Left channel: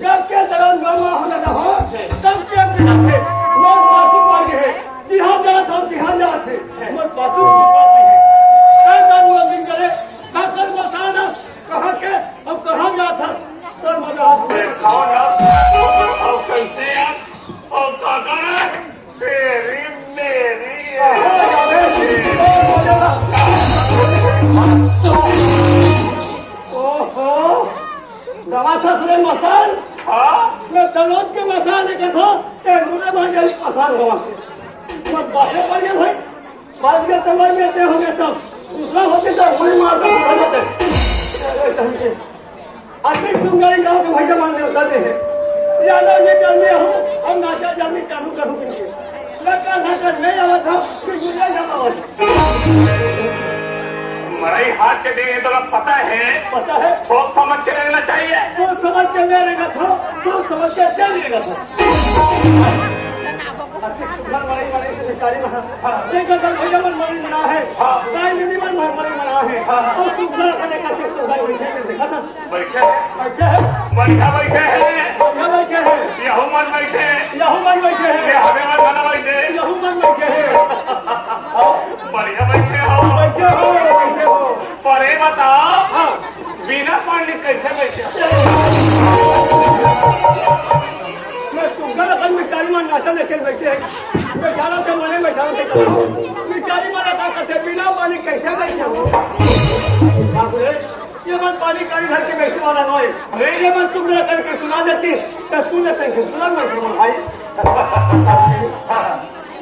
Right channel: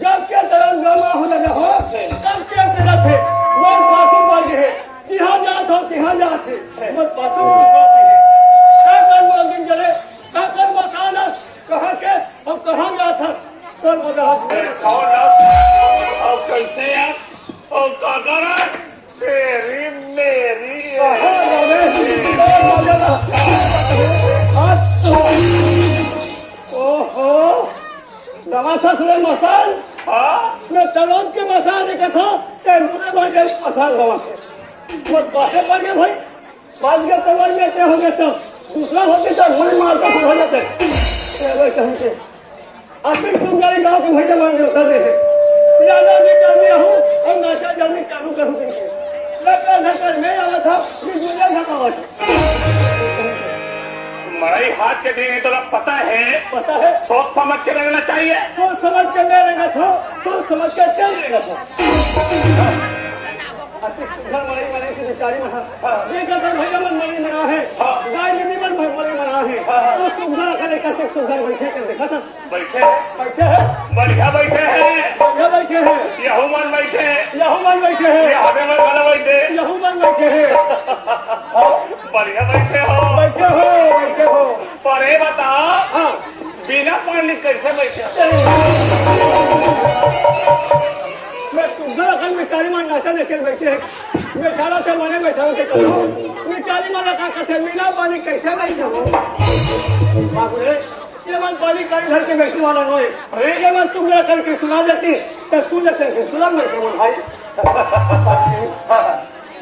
जब के दौरान गामा होता था हो तब के मेरा थे मोर पासु पर गए जिहां जात हो तिहां जात है मोर पासु पर गए कांदा लोग दिन चले काकर बसाना कहां के अब कहां जात है सर मजा अब कैसे यार ओ काका तेरी मेरी दवा था सुरे मसान मैं तलोद के मसान देखा था ते मुरे बाजार मसान हुआ वो बासे पर गए भाई बात के तबाद में ते हो गए तब दूसरा होते तो मुरे मारता हो जाते ये समझे आतिक सुंगारी गांव के भैया मान होता दे यादव जी जल्दी हूं और नाचा जल्दी चालू करूं के लगा धक्कर मैं आवा था फिर मुझे जमावट मराई हाथ के दिन तो पता है सोच समझ के रहना चाहिए सोच समझ के मैं रहेगा था सोच समझ के क्या रहेगा था सुखर मराई मराई से बेचारी महा एक अगर भैया मन मराई मना है राजनीति मन मराई मना है और सुखर करे कते सुखर बैठे के देखा था बैठे है बढ़िया बैठे हैं बढ़िया बैठे हैं यहू मन बैठे हैं यहू मन बैठे हैं हमें मन वाला बैठे यहू मन बैठे हैं बढ़िया बैठे हो पर ये बताओ बिना पानी कैसे बैठे मैं सुंदर अकल बेचारी मन नाचा देखे बैठे हैं बेचारा थे मने बेचारा थे बेचारी मन का कथे बिना पानी कैसे बैठे हो ये मन पानी करी घर के बैठने वाला नहीं अरे ये मन सुंदर करके सुना देती तो सुन लेते सुना बैठे भाई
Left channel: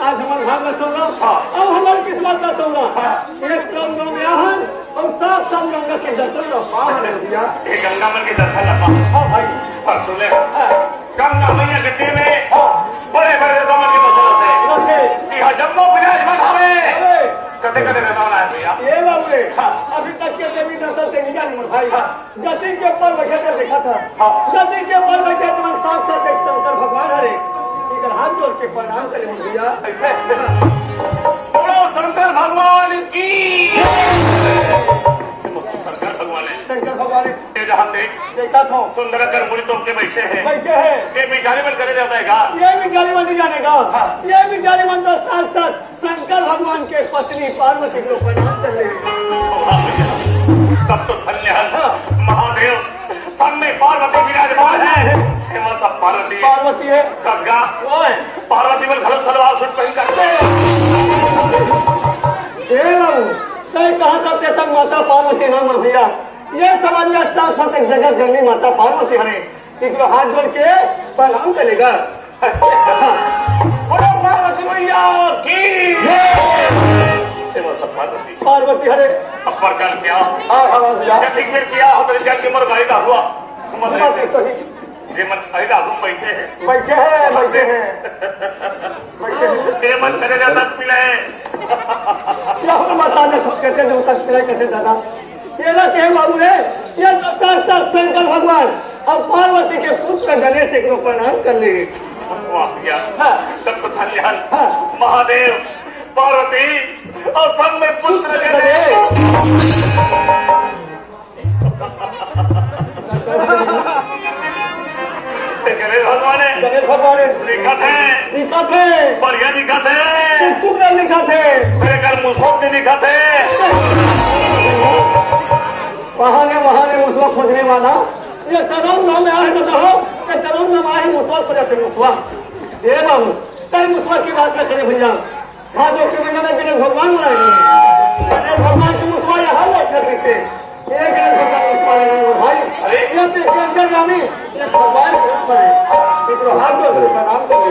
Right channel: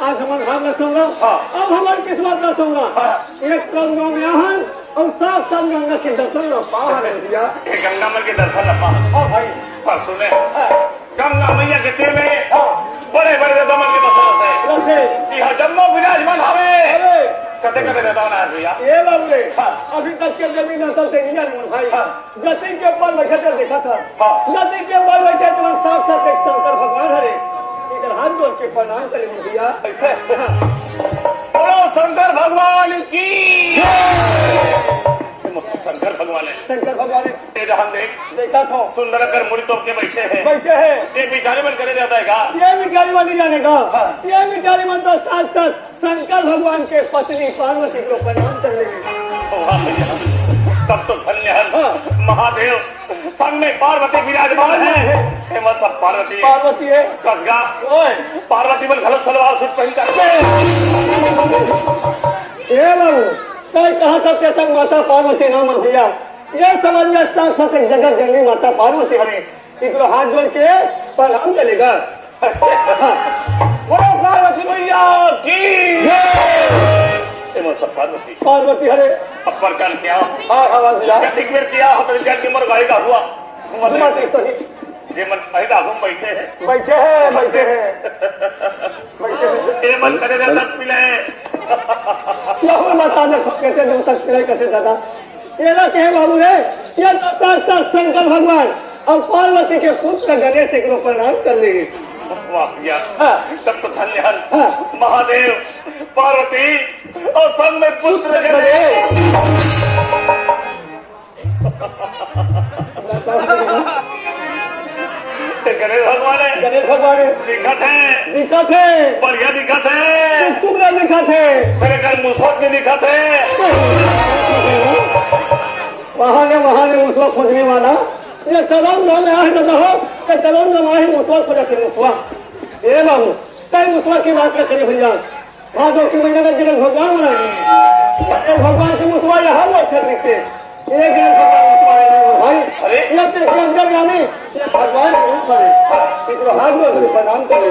आज हमारे भाग न सुन लो अब हमारी किस्मत न सुन लो एक गाँव में आहन और साफ साफ गंगा के दर्शन लो गंगा मल के दर्शन भाई सुने गंगा मैया के तीर में बड़े बड़े कमल के बसल है यहाँ जम्मू विराजमान हवे कते कते रहता है भैया ये बाबू रे अभी तक के देवी नतल ते नहीं जानी भाई जति के ऊपर बैठे कर देखा था जति के ऊपर बैठे तो साथ साथ एक शंकर भगवान हरे इधर हाथ जोड़ के प्रणाम करें भैया ऐसे बोलो शंकर भगवान की शंकर भगवान ये जहां देखा था सुंदर कर मुड़ी तो के बैठे हैं ये बिचारी मन करे जाता है का ये बिचारी मन नहीं जानेगा ये बिचारी मन तो साथ साथ शंकर भगवान के पत्नी पार्वती को प्रणाम कर रहे हैं तब तो धन्य है महादेव सामने पार्वती विराजमान है हेमंत सब पार्वती है कसगा पार्वती बल खलो सलवार सूट पहन कर ए बाबू कहा था ते तक माता पार्वती नाम भैया ये समझ में साथ साथ एक जगत जननी माता पार्वती हरे इकलो हाथ जोड़ के प्रणाम करेगा बोलो पार्वती भैया की पार्वती पार्वती हरे अपर काल क्या ठीक में किया होता जल की उम्र भाई हुआ जे मन पैदा हो बैठे है ये मन करे जाता पिले क्या हो बताने कहते दो पिले कहते दादा तेरा के बाबू रे ये तो साक्षात शंकर भगवान और पार्वती के पुत्र गणेश एक लोग प्रणाम कर ले तब तो धन्य महादेव पार्वती और सब में पुत्र गणेश गणेश भगवान दिखा थे बढ़िया दिखा थे चुगला दिखा थे मेरे घर मुसवत दिखा थे बहाने मुसवा खोजने वाला ये तलाब गाँव में आए तो कहो ये तलाब में आए मुसवा खोजा थे मुसवा ये बाबू कई मुसवा की बात न करे भैया भादों की महीने में गणेश भगवान बनाए गणेश भगवान के मुसवा ये हर वक्त से ये गणेश भगवान मुसवा भाई ये अंतर्गामी ये भगवान के रूप में हर वक्त प्रणाम करे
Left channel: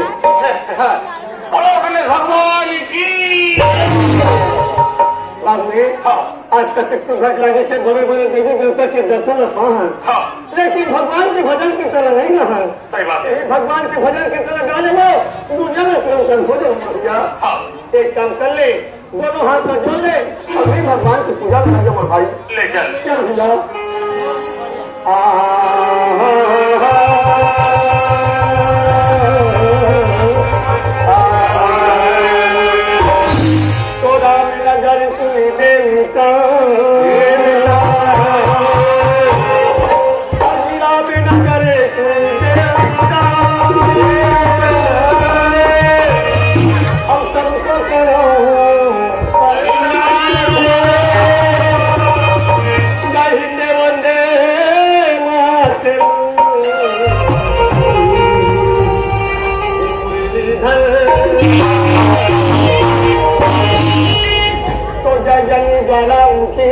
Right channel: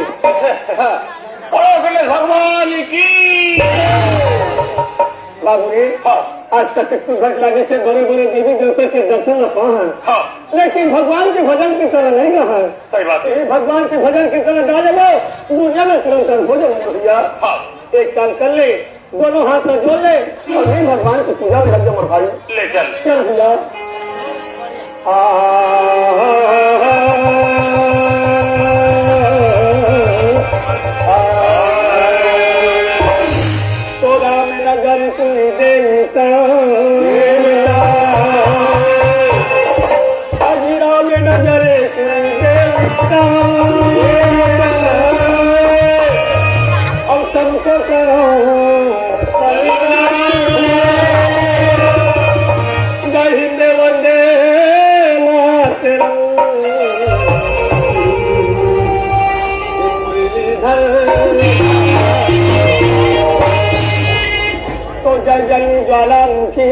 गणेश भगवान की आज तक सुखद लगे से बड़े बड़े देवी देवता के दर्शन न पाए लेकिन भगवान के भजन की तरह नहीं रहा सही बात है भगवान के भजन की तरह गाने वो दुनिया में तुरंत हो जाए एक काम कर ले दोनों हाथ में जोड़ ले और भी भगवान की पूजा कर दो भाई ले चल भैया के तो जय जय ज्वालामुखी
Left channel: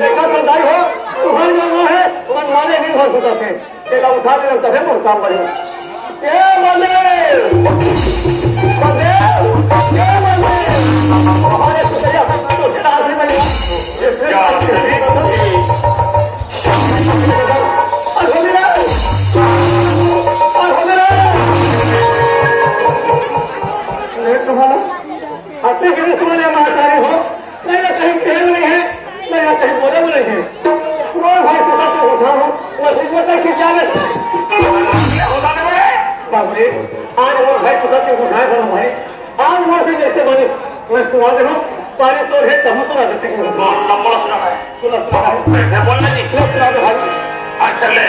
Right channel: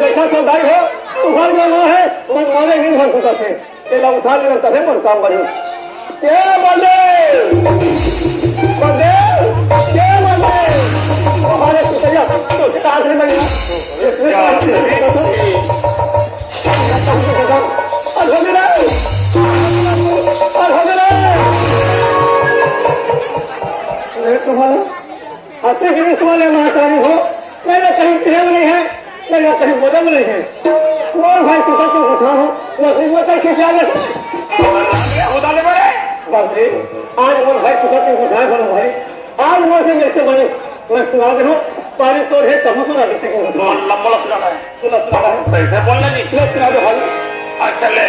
देखा तो दाई हो उभर जो है वह माने नहीं भर सकता थे तेरा उठा लेना तभी मन काम बने क्या बोले बोले क्या बोले हमारे सुतैया तो स्टार्ट नहीं बनेगा अपने गिरीश वाले महातारी हो मैंने कहीं कहे नहीं है मैं कहीं बोले बोले हैं और भाई किसा को उठा हो वो इसमें तक खिंचाने बाबरे आज और भाई किसा को उठाए बोलो भाई आज वो से जैसे बने मैं सुना दे हूं पानी तो है तुम सुना देते हैं लंबा सुना है ऐसे बोलना जी सुना दे भाई आज चले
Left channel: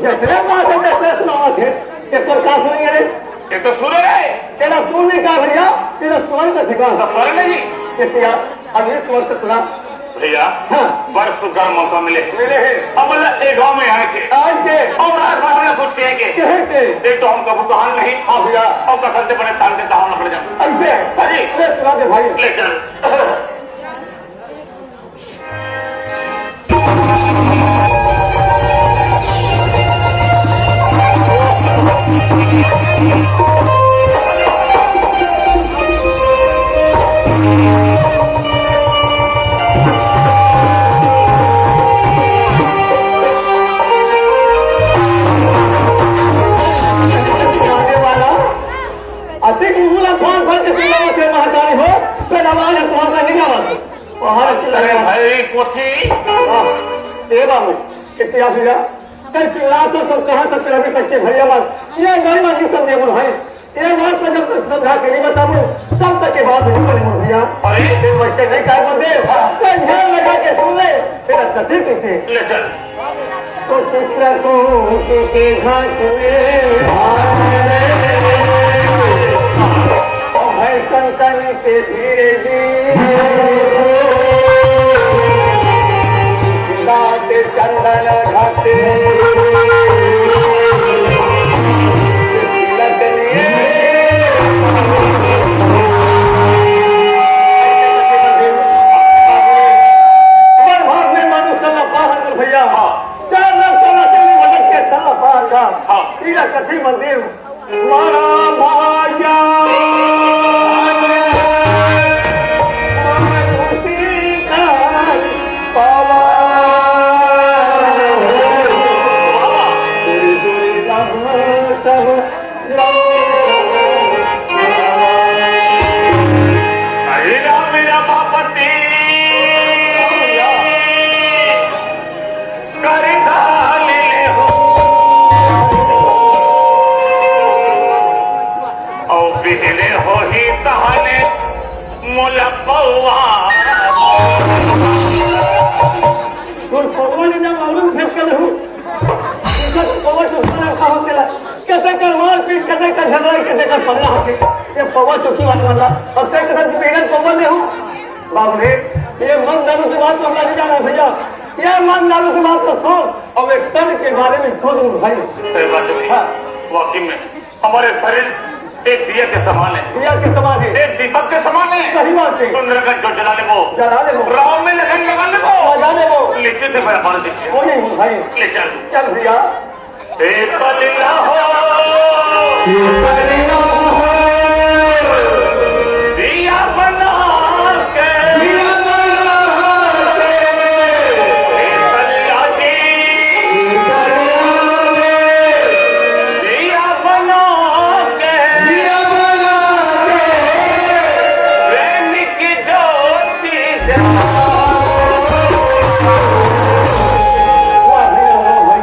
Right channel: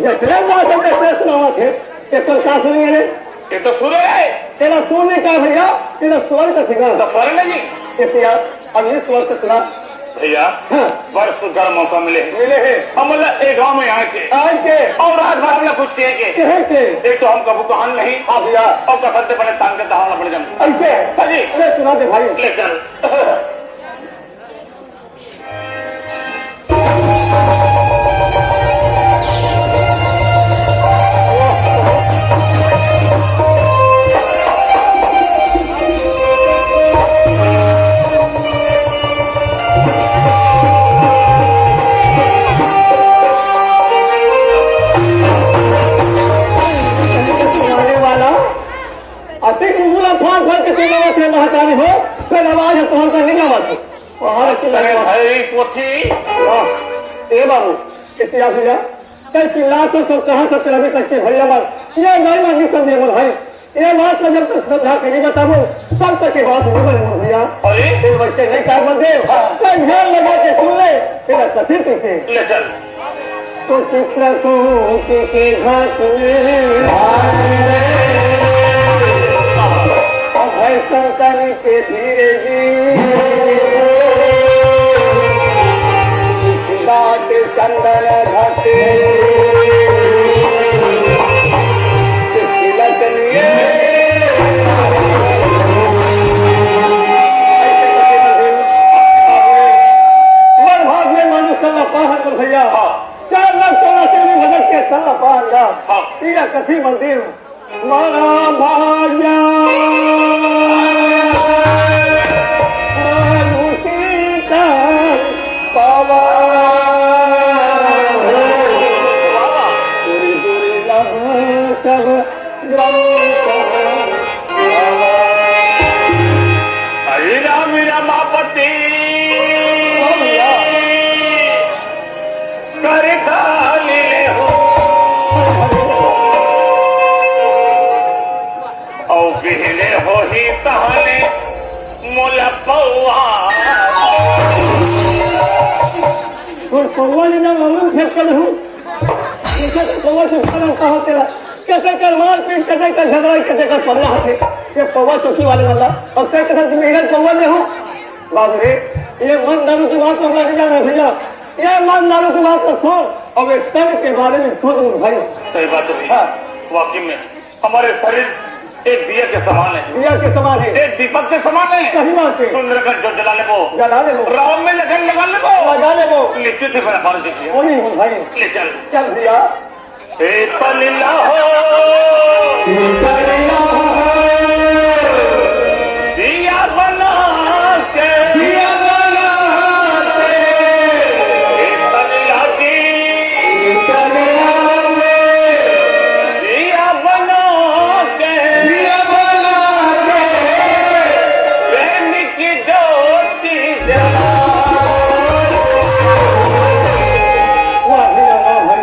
जैसे बात हम सुनावा थे एक तो का सुनेंगे रे एक तो सुर है तेरा सुर नहीं कहा भैया तेरा स्वर तो ठिका तो स्वर नहीं जी देखिए अब ये स्वर तो सुना भैया वर्ष का मौका मिले है हम एक गाँव में आके और राजभाषा में कुछ कहे के एक तो हम कबू कहान नहीं हाँ भैया और कसरते बने टांग के दहाना पड़ जाए ऐसे अरे सुना दे भाई ले चल महातारी हो फिर आवाज है तुम्हारा का निगाह बात वहां अरे भाई पोथी ए बाबू कितनी आप जा कल चिल्ला तो सब कहां सब चला कच्चे भैया बात ये गई बात नहीं समझे भाई ये बात को जब तक समझा के नहीं बताऊं तब तक के बात नहीं बने भैया अरे फिर बच्चे नहीं काय बंदे ध्यान लगा के सुन ले फिर कथित कैसे ले चल तो चित्रकूट के घाट में संतन के धीरे जी से चंदन घटे भाग में मनुष्य पहाड़ भैया 4,84,000 भजन के सल्ला पहाड़ कथी मंदिर मारा भाग्या पौवा चौकी वाले वाला अब तक मेहनत पौवा में हूँ बाबू रे ये मन दारू की बात तो अपना नहीं जाना भैया ये मन दारू की बात को छोड़ अब एक तन के बारे में सोच भाई सही बात है वाकई में हमारे शरीर एक दिया के समान है, दिया के समान है, एक दीपक के समान है। सही बात है। सुंदर का जो जला ले वो राम में लगन लगा ले वो नीचे से मेरा बाल देखिए। वो नहीं हूँ भाई। ले चल चल भैया। एक पलीला हो दिया बना के एक पलीला की दिया बना के प्रेम की ज्योति जला। वाह भैया वाह भाई।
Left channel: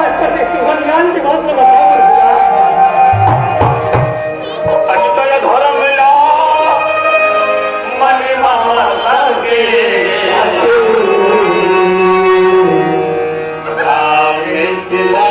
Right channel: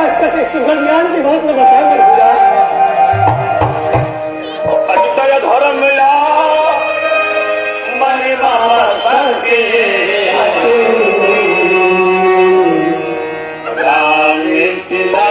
आज का देख तू ज्ञान की बात में बताया भैया। अष्टय धर्म मिला मन मामा संगे राम चिला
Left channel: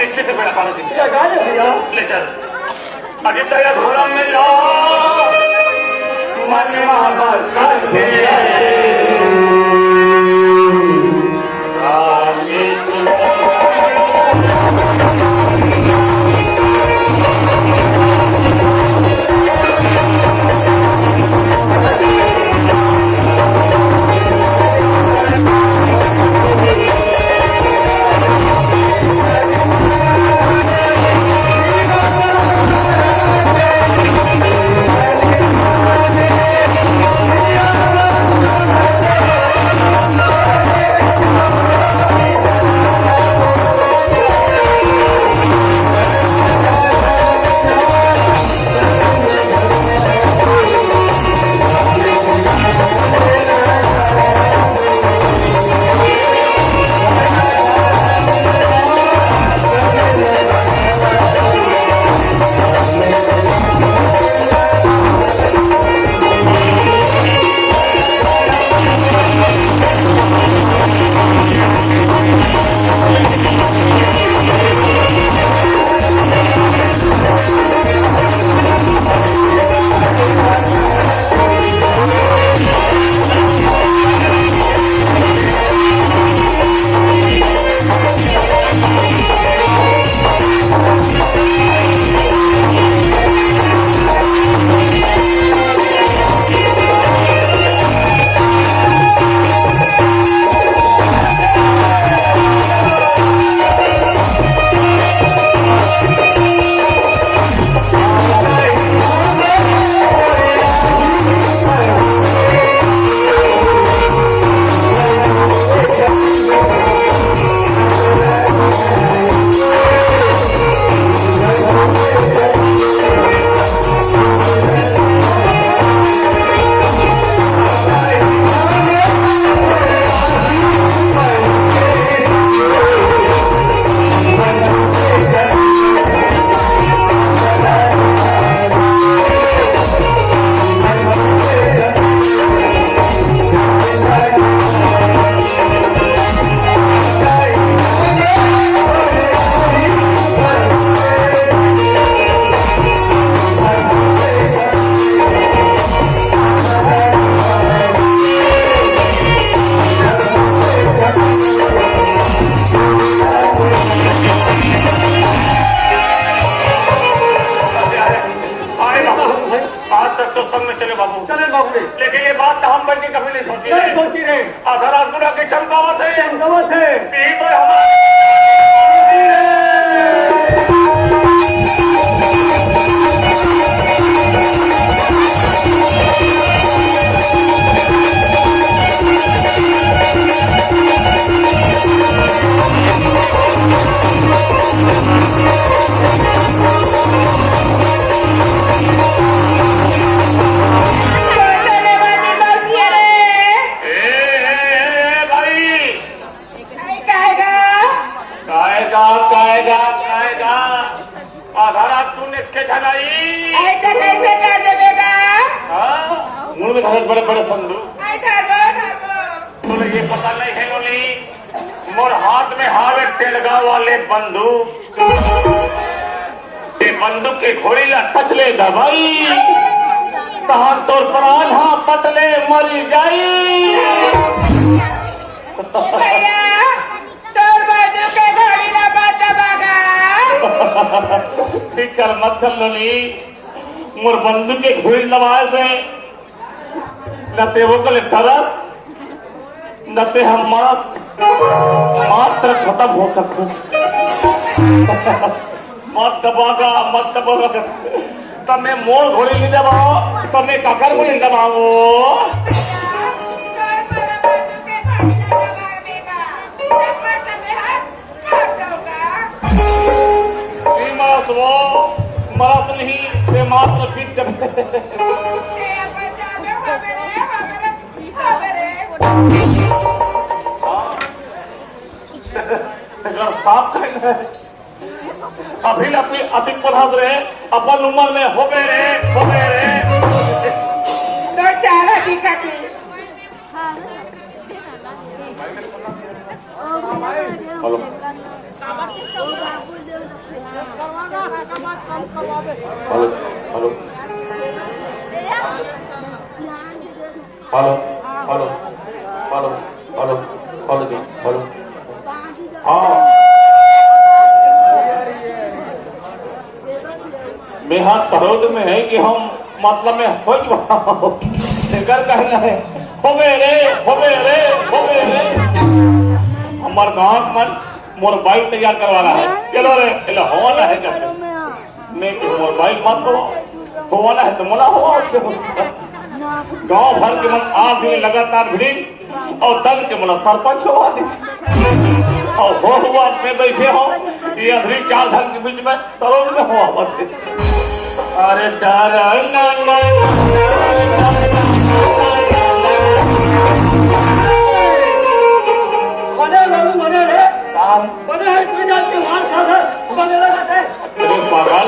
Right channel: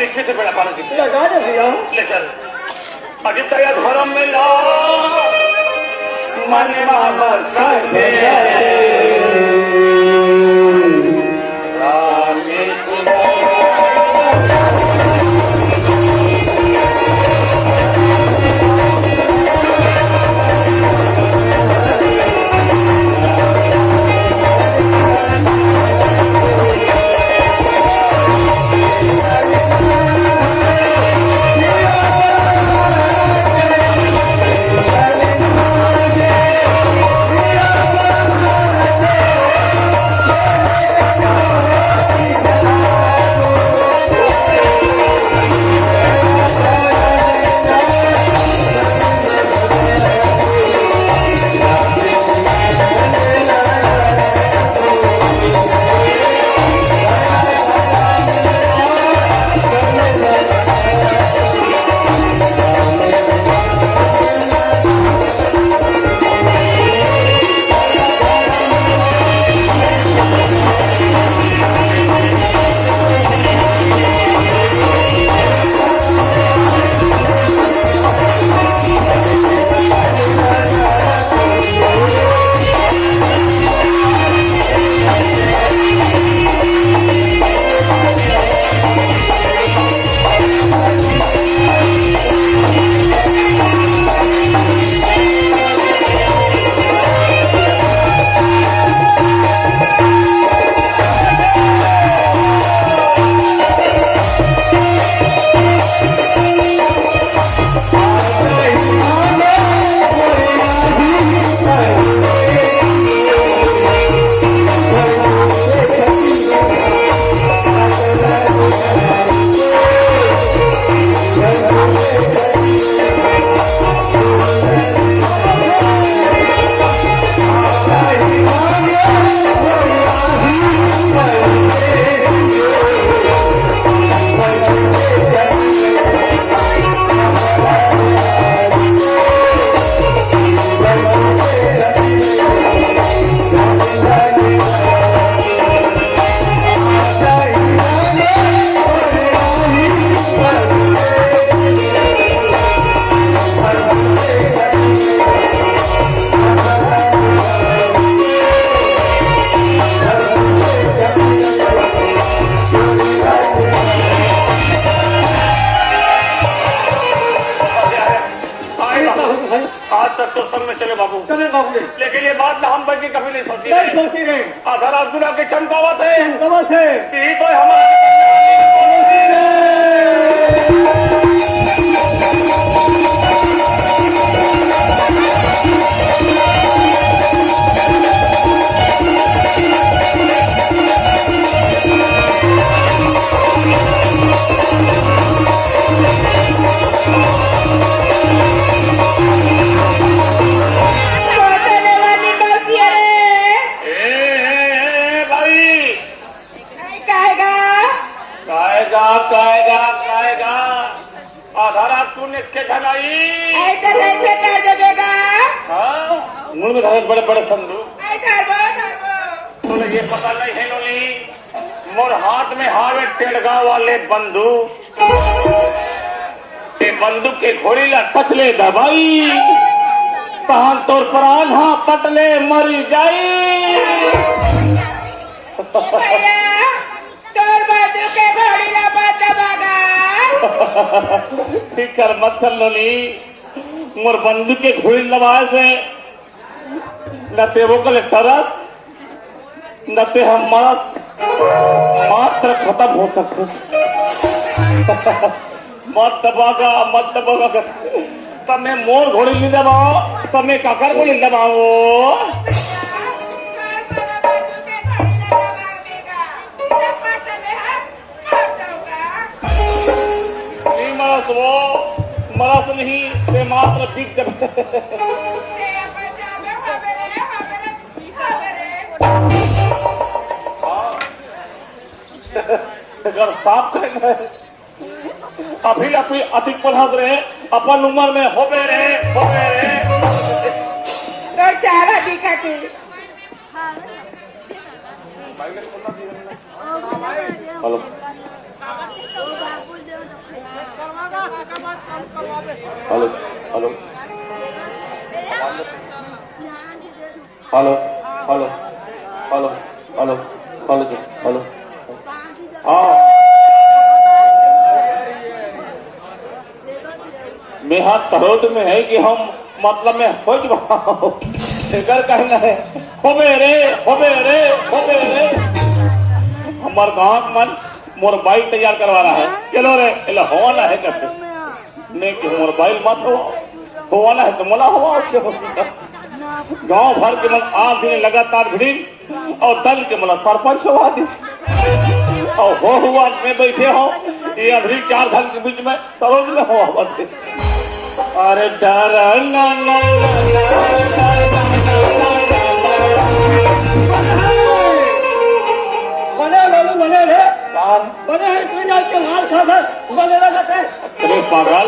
निश्चित बेड़ा पाला ले चल अदितय धर्म में लो मन मोहब्बत है गवत है ती पर हमारे बड़े बड़े संदूक तुम्हें ये पता नहीं है लोली मोर हाथ में हावे टेलगा वाले बंदूक ये बंदूक के घोड़ी ला टचले दबाई तहां तोर पर आधा पटले मरी जाई ठीक कर मत कर लोली मोर बंदूक के घोड़ी दबाए से न ते वो कल तरस न ते हम मरस मात्र खत्म हो सकते मत दबागा तमें मोर घोड़ी ले दबाओ तमें काकर को ले दबाओ मरस वो मरस नहीं ते मात्र पीठ अगर साफ कहना है अभी अधिक पढ़ास रहे अपन उम्र में हो गए रे तो चारा दिखाती hello hello hello hello hello hello hello hello जी हेलो हाँ मैं हाथ तरोद में है कि हम मतलब में हो कर कहना है हो मेरे हमार गाँव मन मोर बाइक तैयार करवा रहा है चलो रे चलो होना है कहते मैं कि मोर बाइक मत होना है तो मोला हो गांव भर के मन 8 दिन लगातार भिड़ी और दल के मन सरपंच हुआ और हो हुआ मैं बैठे हो ये अभी 4 साल के बीच में तरोड़ में हुआ अरे डर बने रे बने कोई जान के मार खाता बने लगाते अरे पागल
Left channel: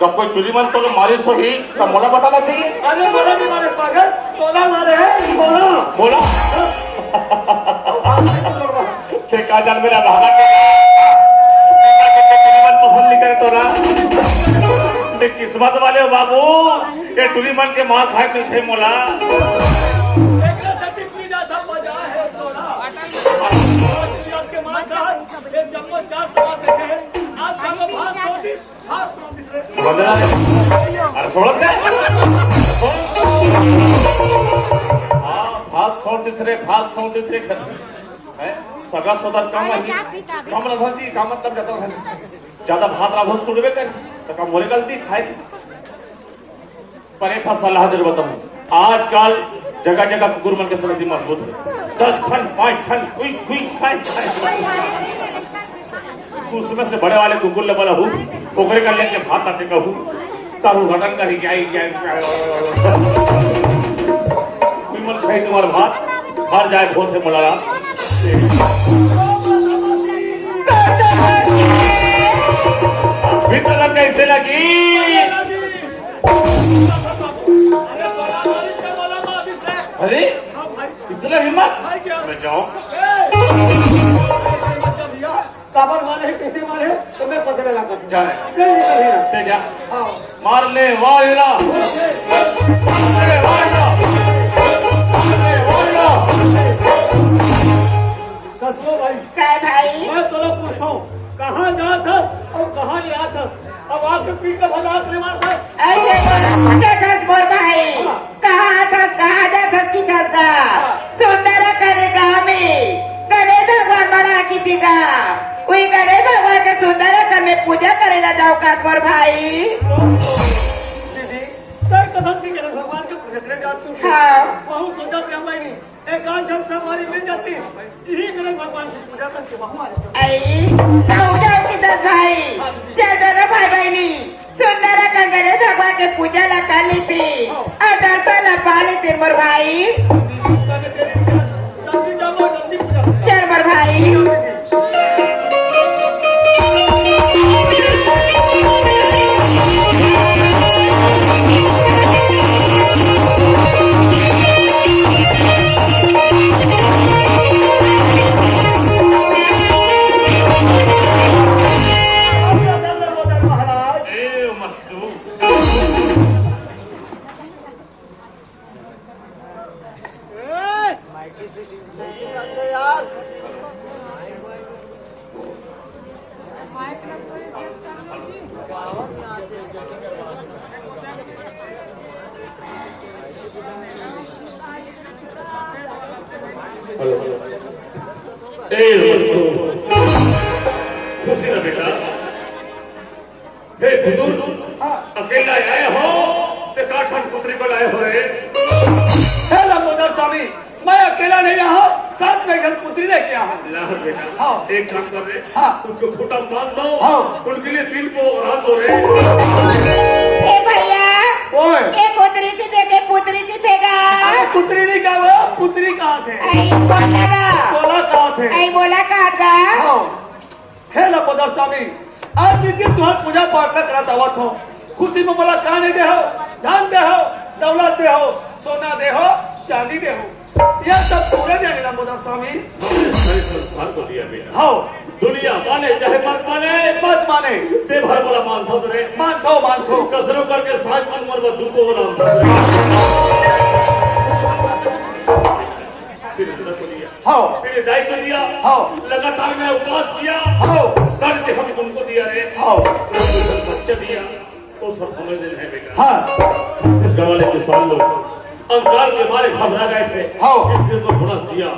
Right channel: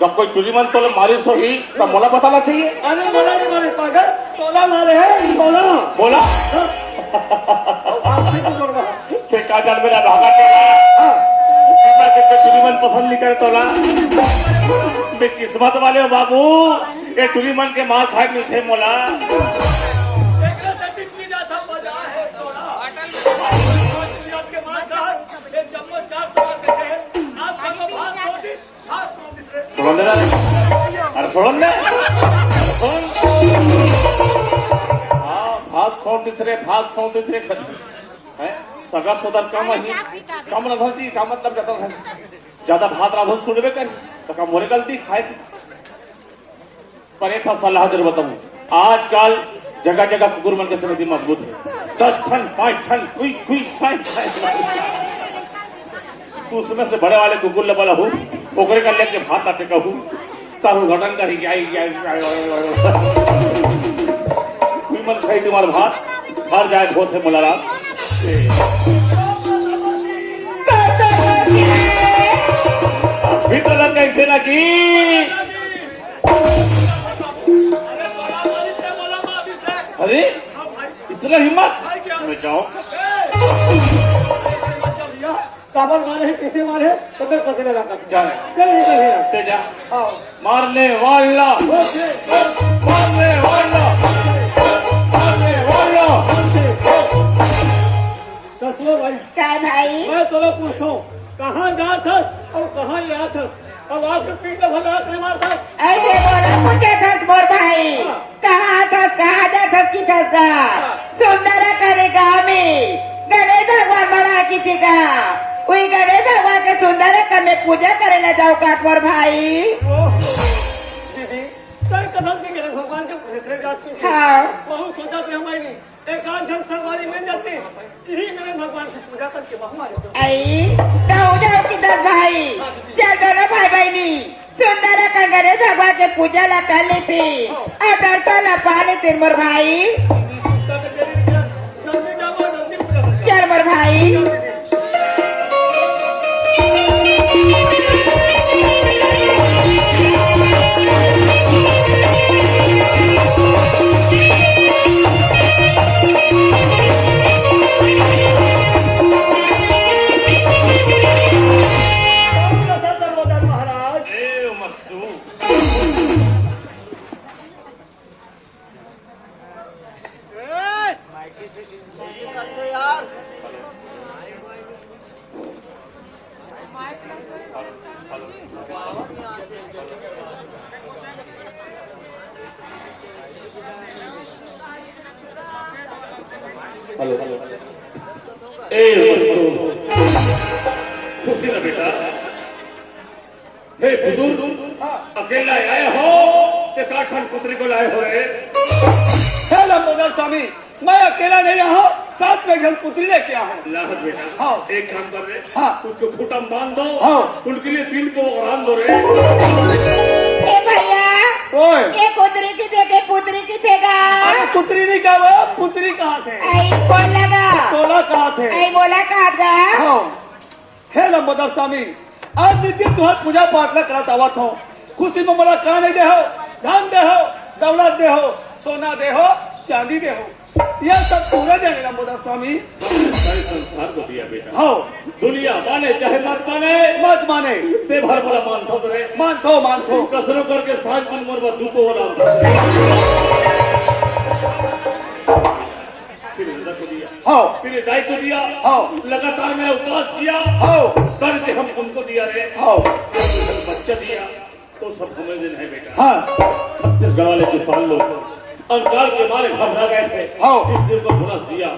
कब कोई चुरी मन तो मारी सो ही तो मोला बताना चाहिए अरे मोला नहीं मारे पागल तोला मारे है बोला से का जान मेरा भागा के चुरी मन पसंद नहीं करे तोला ते किस्मत वाले हो बाबू ये चुरी मन के मार खाए में से मोला एकरा सती पी जाता मजा है तोला के मार खा ये जम्मो 4 सवाल देखे आज जम्मो भात सोती रे अरे छोड़ दे भात सौंदिस रे हैं सगा सोदर कम रही का मतलब ज्यादा भात राधो सुनबे कर तो कम होने गलती खाए पर एक सलाह दे बताऊं आजकल जगह जगह कुकुर मन के समिति मजबूत है 10 ठन 5 ठन कुई खाए उसमें से बड़े वाले कुकुर ले वाला हूँ ओकरे का लेके भात आटे का हूँ तारू घटन का ही क्या मन खाई तुम्हारा भात मर जाए बहुत है मलारा भीतर कैसे लगी अरे इतना हिम्मत जाओ काबर मारे है कैसे मारे तो मैं पकड़े लगा जाए जा मारने वाला कसलो भाई क्या भाई मैं तोरा पूछता हूँ कहाँ जा था और कहाँ ले आता अब आके पीट भला आंख ले मारता ऐसे बोला मुझे 10 बोल भाई कहाँ था कहाँ जा था किधर था सुंदर करेगा हमें गणेश भगवान बना की थी का वही गणेश भगवान के सुंदर करने पूजा करेला जाओ का मोर भाई दीदी तय कथन की गणेश भगवान के पूजा करे जाती हूँ हाँ बहुत सोचा थे हम नहीं एक आध जन सवारी मिल जाती यही गणेश भगवान की पूजा करके बहु मारे आई जाओ जाओ किधर भाई चल दोनों भाई बहनी सुंदर कर गणेश भगवान के पूजा ला कर ली थी और दर्शन ला पा ली थी मोर भाई जल्दी जाओ जल्दी पूजा चल मोर भाई हेलो खुशी ना बेटा हे बुजुर्ग अकेला आए हो ते काठन पुत्री को लाए हो रे हेलो मोदर स्वामी मैं अकेला नहीं आया साथ में जन पुत्री लेके आया हूँ लाहर बेटा हाँ। एक काम कर रे हाँ। उसको फुटम बांध दो हाँ। उनके लिए तिल को रान दो रे ए भैया ओए ये पुत्री की देखे पुत्री की देगा अरे पुत्री नहीं क्या वो पुत्री कहाँ थे आई बोला ना तोला कहाँ थे आई बोला कहा था हाँ हेलो मोदर स्वामी आज दीदी तुम्हारा पूजा पाठ न करा दावत हो खुशी में मला का नहीं दे हो धन दे हो दौलत दे हो सोना दे हो चांदी दे हो यह सब पूरे देने ना मोदर स्वामी सारे संसार को दिया बेटा हाँ दुनिया माने चाहे मत माने मत माने ते भर बड़ा मानता रे मानथो कसरों करके साज मन कर बस दुपो हो नाम फिर जिंदा को दिया हाँ फिर दायित्व दिया हाँ लगातार मैंने उपवास किया हाँ कर्ज हम उनको दिया रे हाँ बच्चा दिया तो सब समझ लेना है बेटा हाँ इस गाँव वाले किसान लोग अंकार के मारे घबरा गए थे हाँ। इस दिन को बोनस दिया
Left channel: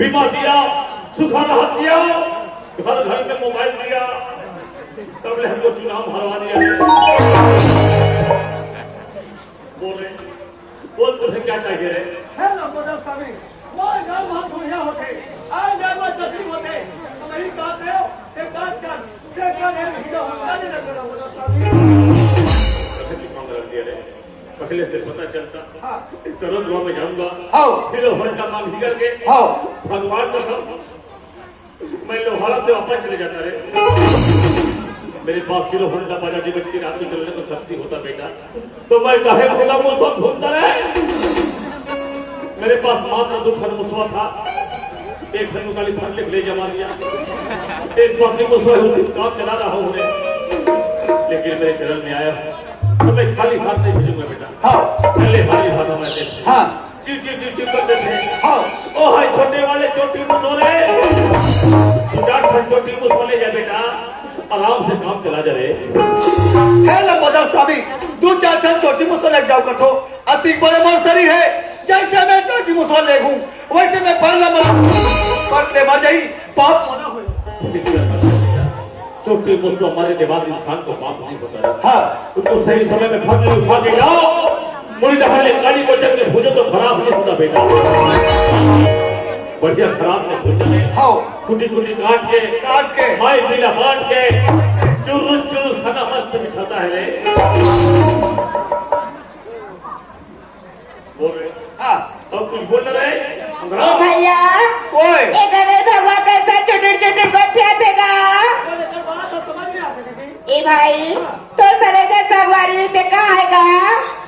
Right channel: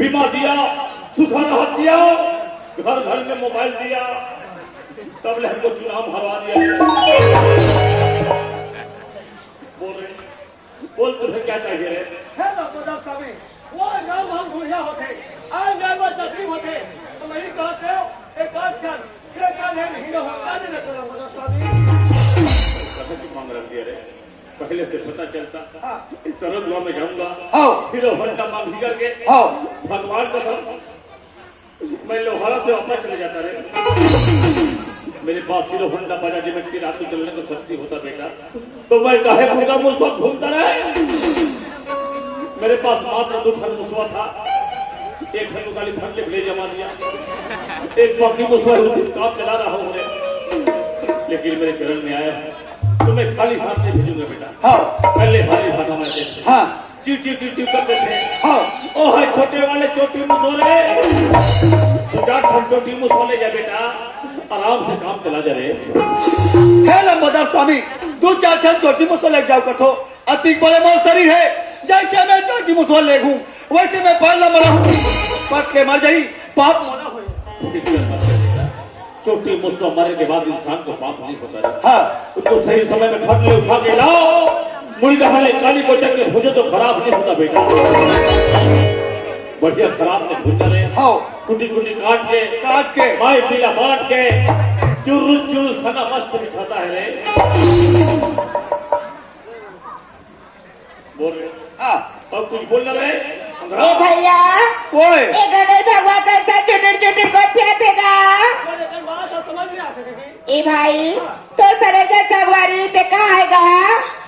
बीमा दिया सुखा राहत दिया घर घर में मोबाइल दिया तब ले हमको चुनाव हरवा दिया बोल तुम्हें क्या चाहिए रे हेलो मोदर स्वामी वो गाँव बहुत बढ़िया होते आज जाए बस तकलीफ होते तो नहीं कहते हो एक बात कर एक का नेम हीरो होता नहीं लगता मोदर स्वामी कहे की मांग रख दिया रे पहले से पता चलता हाँ इस तरह दुआ में जाऊंगा हाँ फिर हंडा मांग ही करके हाँ भगवान का मैं लोहारा से वापस चले जाता रे मेरे पास सिलो होंडा बाजा जी व्यक्ति रात में चलने को शक्ति होता बेटा तो मैं काहे भूखा मुझको घूमता रहे मेरे पास मात्र 2 क्षण मुसवा था एक क्षण निकाली फट ले जमा लिया एक बकरी मुसवा उसी काम चला रहा हूँ लेकिन मेरे चरण में आया तो मैं खाली हाथ नहीं भेजूंगा बेटा हाँ पहले खाली हाथ हमारे देते हाँ चिव चिव चिव चिव करते थे हाँ ओ हाय छोटे वाले चोटी मुसोरे जाट चोटी मुसोले जा बेटा आराम से काम चला जा रे हेलो मोदर स्वामी 2-4 क्षण चोटी मुसवा ले जाओ कथो अति बड़े मोर शरीर है जैसे मैं चोटी मुसवा ले घूम वैसे मैं पाला मरा कट ले मर जाई पाप मना हो चोटी मुसवा मरे के बाद इंसान को पाप नहीं होता है हाँ उसको सही समय में फट ले उठा के लाओ मुड़ी डहले काली को जब में भोजो तो खराब नहीं होता बेटा बढ़िया खराब नहीं भोजन है हाँ कुटी कुटी काट के माई पीला बांट के चुरुस खाना मस्त बिछाता है रे बोल रहे हाँ अब कुछ बोल रहे ए भैया कोई ये गणेश भगवान कैसा चुटुर चुटुर गोठिया देगा बात तो समझ नहीं आती दीदी ए भाई तो सरे जा सवारी पे कहाँ आएगा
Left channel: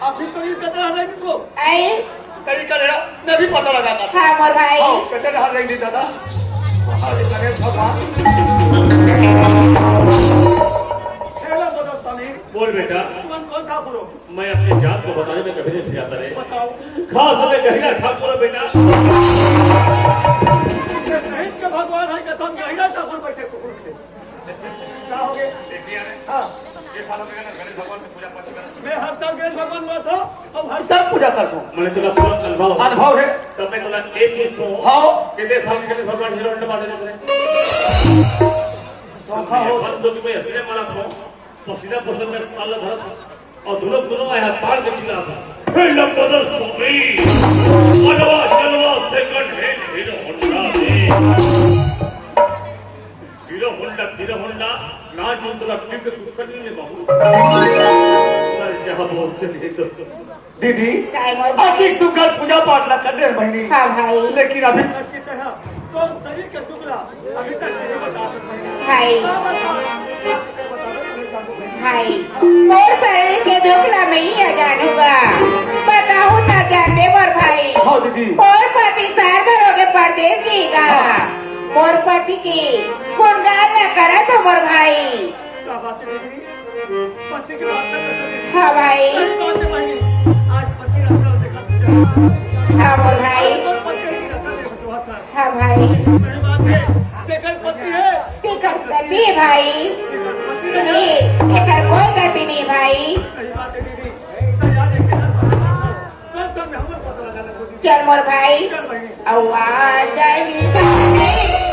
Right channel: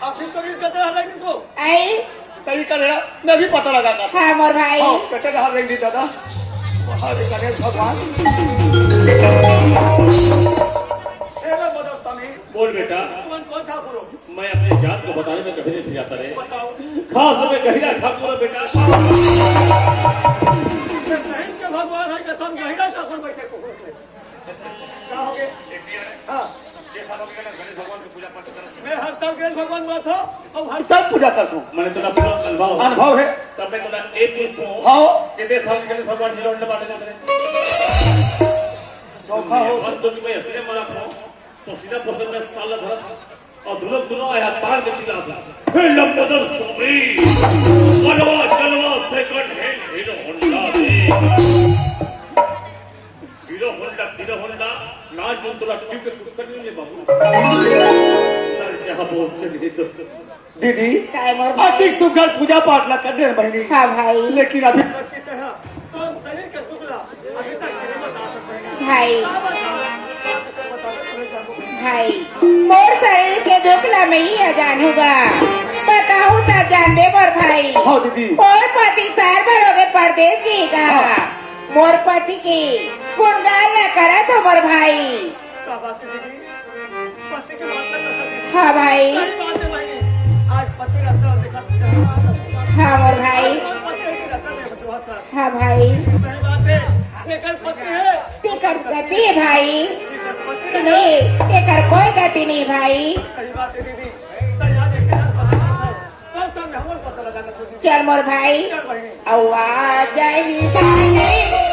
आप फिर तो कतरा है किसको आई तरीका है मैं भी पता लगाता हाँ मोर भाई कतरे हाथ रख दी दादा हरे गणेश भगवान हेलो मोदर स्वामी बोल बेटा तुम कौन ठाकुर हो मैं अपने जात को बताने में कभी नहीं सिखाता रहे बताओ खास में गहिरा ठाकुर हो बेटा सहित के भगवान है कि तुम गहिरा ठाकुर बैठे कुकुर से क्या हो गए हाँ भगवान की पूजा पाठ कर मैं हर साल गणेश भगवान में था और हर साल पूजा करता हूँ मैंने तेरा पूरा अनुभव अनुभव है तब मैं तुला एक पूछतो हो किती साल केले भगवान हिरो होंडा बाटले सरे धोखा हो बंद की भाई असले मला पसीना पसंद में साल धरस और दुनो आया तार के चिल्ला था हे लंबोदर स्वामी बनवा चलवा सेकंड हैंड हीरो होंडा दे हीरो होंडा ना जो तुला क्लिक करने में बाबू दीदी काय मोर बाकी सुगर पूजा पाठ ला कर रहे बहनी हाँ भाई लेकिन अभी तक की तरह तो शरीर के शुक्ला अभी तक नहीं बता सकते भाई भाई और शरीर के दुखला में ही अजान होगा बताऊं ना जानने मोर भाई हाँ दीदी मोर पति साल भर हो गए परदेश गएगा मोर पति की गुणगान न करा तो मोर भाई शाबाश दीदी पति की बात कर दीदी हाँ भाई सही बात है बहनी आज पति रहता देखा हाँ मोर भाई पति की रहता देखो जो था हाँ भाई सही बात है जेकर पति है टिकट गति है भाई जेकर पति है नहीं एकर कोई गति नहीं भाई सही बात है दीदी तो याद एक बार पता चला था कल में हम पता लगाना कोशिश चल मोर भाई चल बहनी औ आ जाए